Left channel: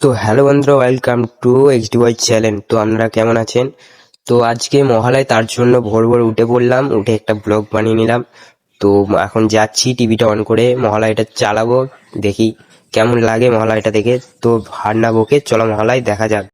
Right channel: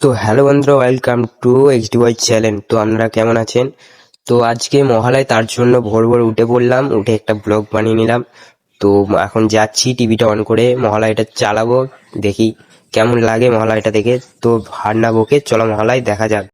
তো হ্যালো বন্ধুরা, welcome to এইচডিওয়াই channel. তো আপনারা কেমন আছেন? তো আজকে মহালয়, তার জন্য ভোর ভোর উঠে পড়লাম, উঠে একটা ব্লগ বানিয়ে নিলাম। তো এখন যাচ্ছি টিভিটা অন করে মহালয়টা চালাবো, দেখি কেমন লাগে মহালয়টা দেখে। তো হার না বকে চলো মহালয় দেখা যাক।